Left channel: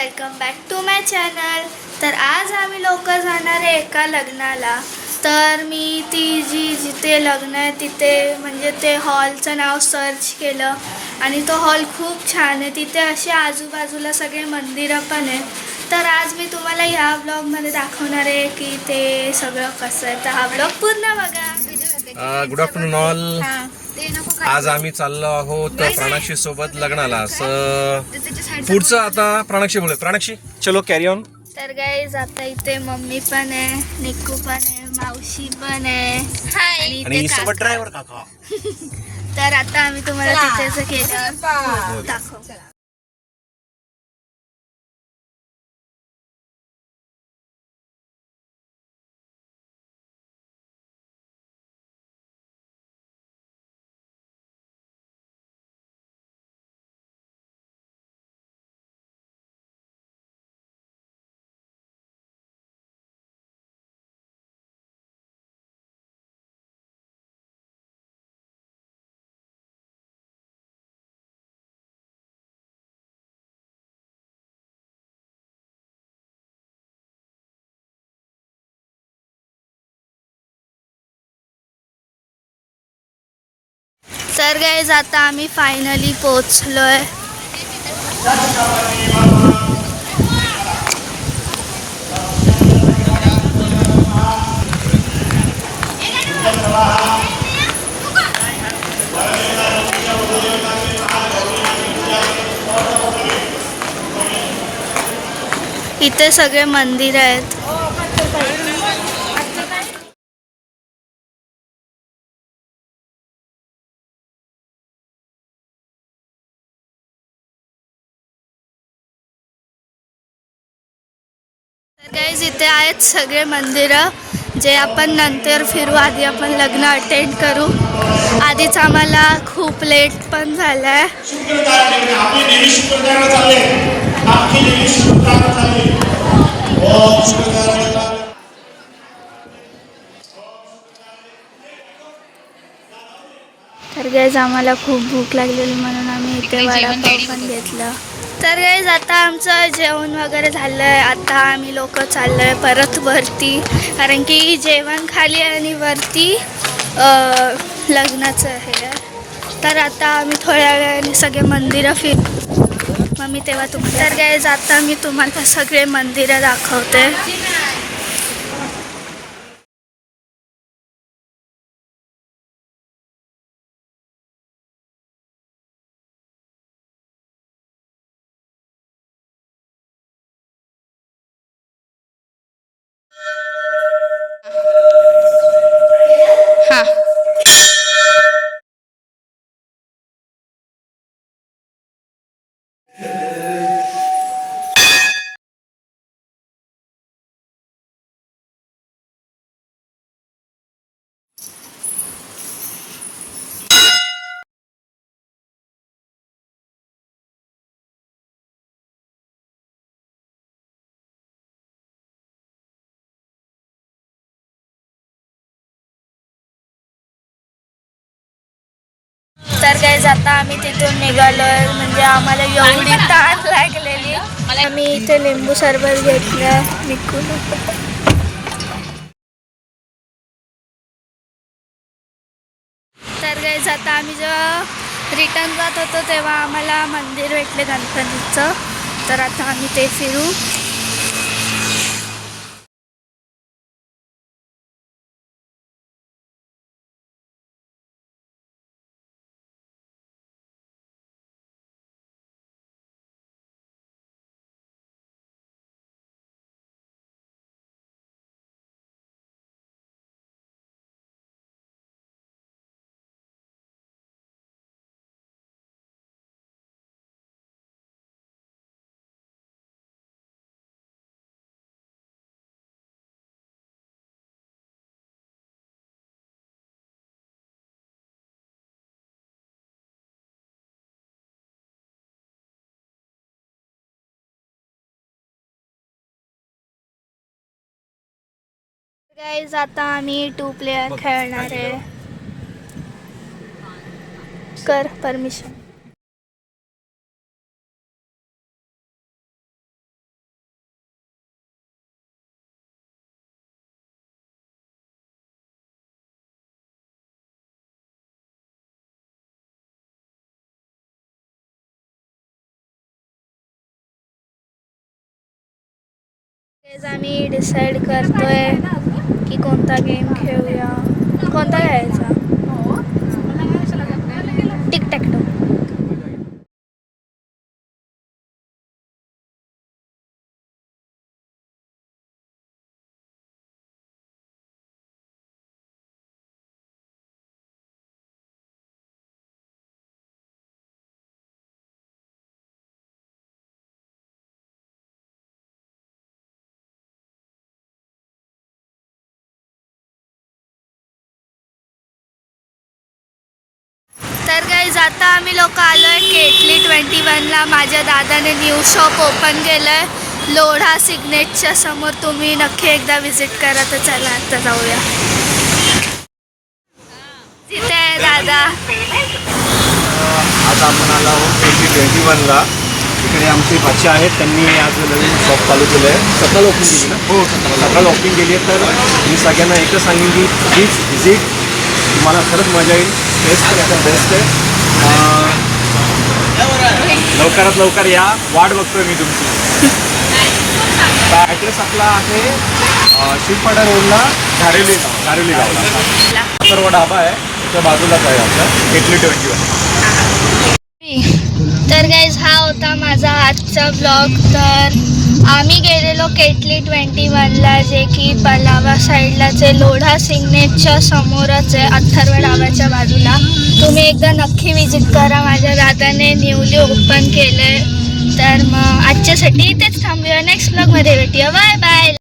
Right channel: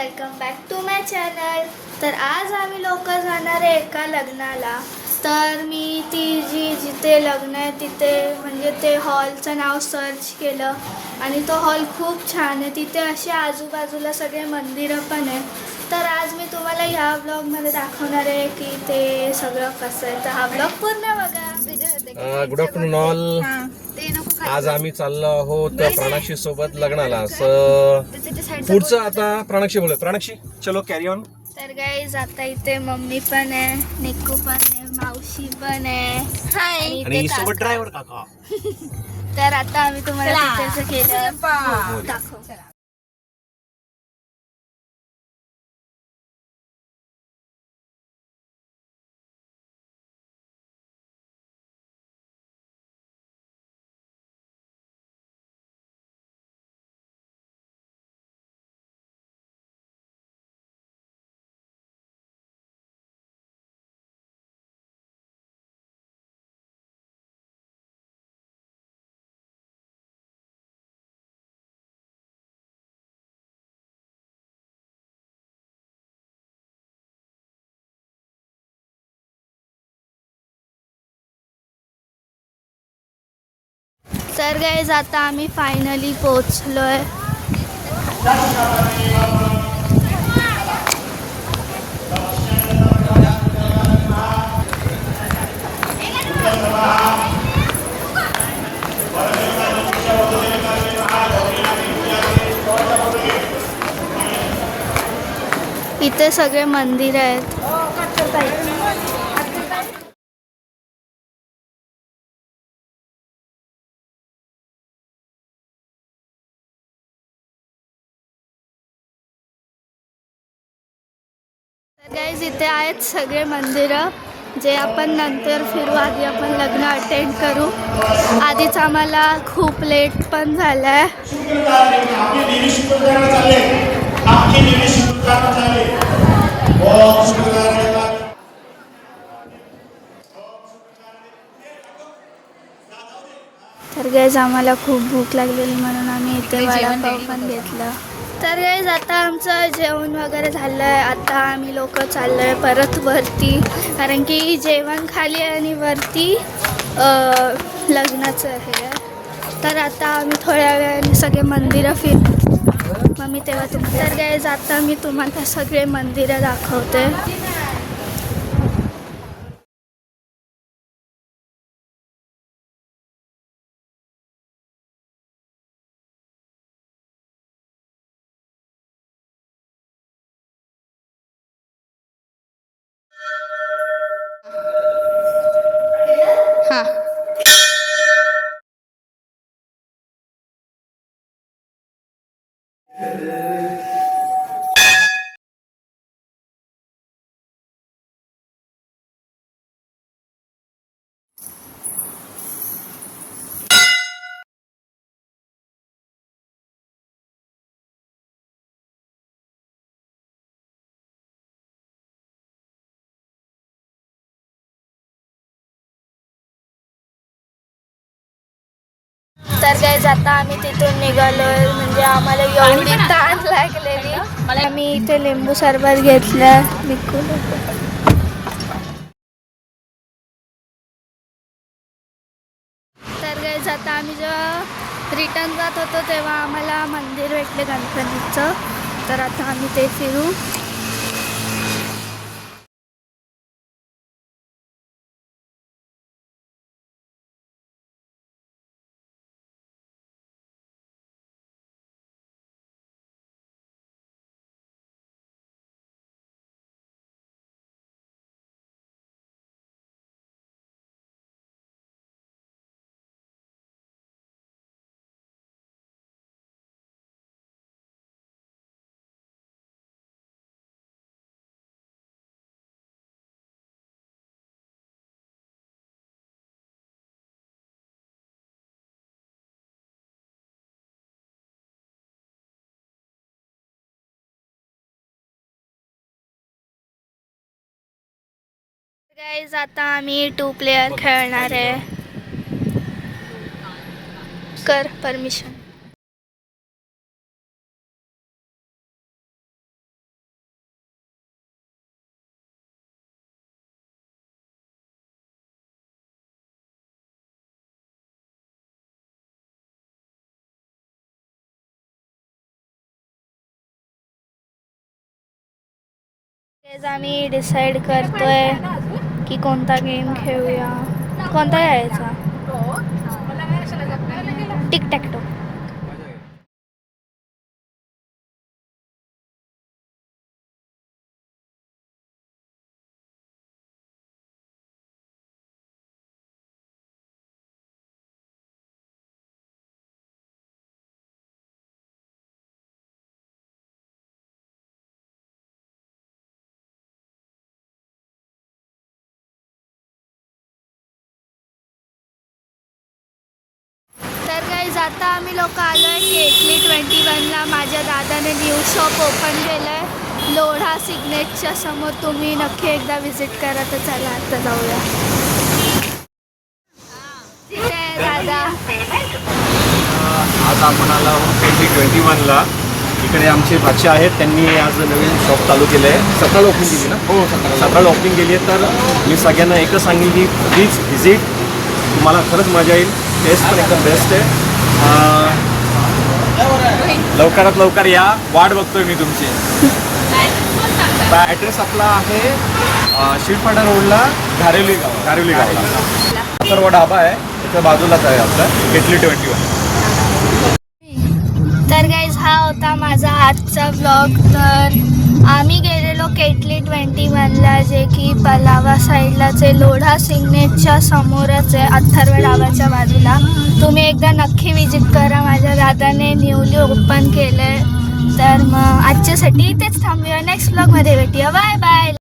Welcome back to my channel. तर आज आम्ही लोक जाणार आहे एका लग्नाला. तर मी जिथे लग्न आहे तिथे म्हणजे ते हॉलचं नाव सर्च केलं आणि तो हॉल खूप छान आहे. तिथे असे आजूबाजूला सगळे मंदिरं पण आहे. तर आज मी तुम्हाला ह्या ब्लॉगमध्ये दाखवणार आहे की ते सगळं कसं आहे. तर हा ब्लॉग पूर्ण बघा. Good afternoon all. आज आम्ही चाललो आहोत प्राणाक्षी सोबत लग्नाला. पुढचं आता प्राणाक्षी बोलू. प्राणाक्षी चलो कॅरी ऑन. तर गाईज आता इथे मम्मी पण आहे, निक्कू पण आहे, मावशी पण आहे आणि सोबत ड्रायव्हर काका. तर आता आम्ही तुम्हाला तिथेच केलं दाखव. तर गाईज आता आम्ही फायनली पोचलोय. इथे सगळे मंदिर आहेत. तर गाईज इथे आहेत सगळे मंदिरं जे आपण नंतर फिरू. आधी आपण लग्न अटेंड करू. आधीच आम्हाला खूप लेट पण झालाय. तर गाईज आम्हाला खूप भूक लागलेली म्हणून आम्ही इथे वडापाव पण घेतला. तर गाईज आता आमचं जेवण वगैरे झालं आहे. आता आम्ही लोक चाललो आहे परत वरती, कारण की जेवण खाली आणि वरती लग्नाचं आहे. तर आता आम्ही थोड्या वेळाने सगळे मंदिरं मग मी तेव्हा तुम्हाला. तर गाईज आता मी तुम्हाला सगळे मंदिरं दाखवते. हां. तर गाईज आता आम्ही तिथून निघालोय. म्हणजे आम्हाला एवढी ताण लागलेली. आम्ही इथे लिंबू सरबत घेतलं निघून. तर गाईज आता आम्ही जेव्हा रिटर्न जात होतो तेव्हा आम्हाला मंदिर भेटले गणपतीचं. तर आता आम्ही ते फिरू. गाईज आता आम्ही 2 प्लेयर खेळणार आहे. कर परमिशन. तेच आम्ही डिसाईड करतोय की कोणता गेम खेळूया. कोणता घ्यायचा? टिक टॅक टो. तर गाईज आता आम्ही लोक आलो आहे केटली 21ला. माझ्या दादाने न्यू शॉप ओपन केलं आहे लोढा सिग्नेटच्या समोर. तुम्ही नक्की एकदा व्हिजिट करा. तर चला आता जाऊया. तिथे आहे दादा. आज आपण आलो आहोत केटली 21ला. इकडे आमचे बादशे आहेत, त्यांनी आज नवीन शॉप चालू केलं आहे. 17ला ओपन केली ना? हो, 17ला ओपन केली आहे. तर मी सगळ्यांना एकच सांगेन की प्लीज व्हिजिट, तुम्हाला खरंच मजा येईल. टेस्ट पण एकदम बेस्ट आहे. लवकरात लवकर या, वाट बघतोय मी तुमची. ॲड्रेस आपला आहे शिरपाडा रोडला धारेली गावला. सर्व ढाबा आहे त्याच्या बाजूलाच आहे आपला केटली 21. तर गाईज हा होता माझा आजचा व्लॉग. तर आम्ही गेलेलो केटली 21ला, जे की पलावा साईडलाच आहे. लोढा सिग्नेटच्या समोरच आहे, अथर्व ढाबाच्या बाजूला. तुम्ही एकदा नक्की विजिट करा. माझ्या दादाने न्यूली ओपन केलं आहे. तर मग आजच्यासाठी इथेच थांबूया. नेक्स्ट व्लॉगमध्ये भेटूया. Bye bye.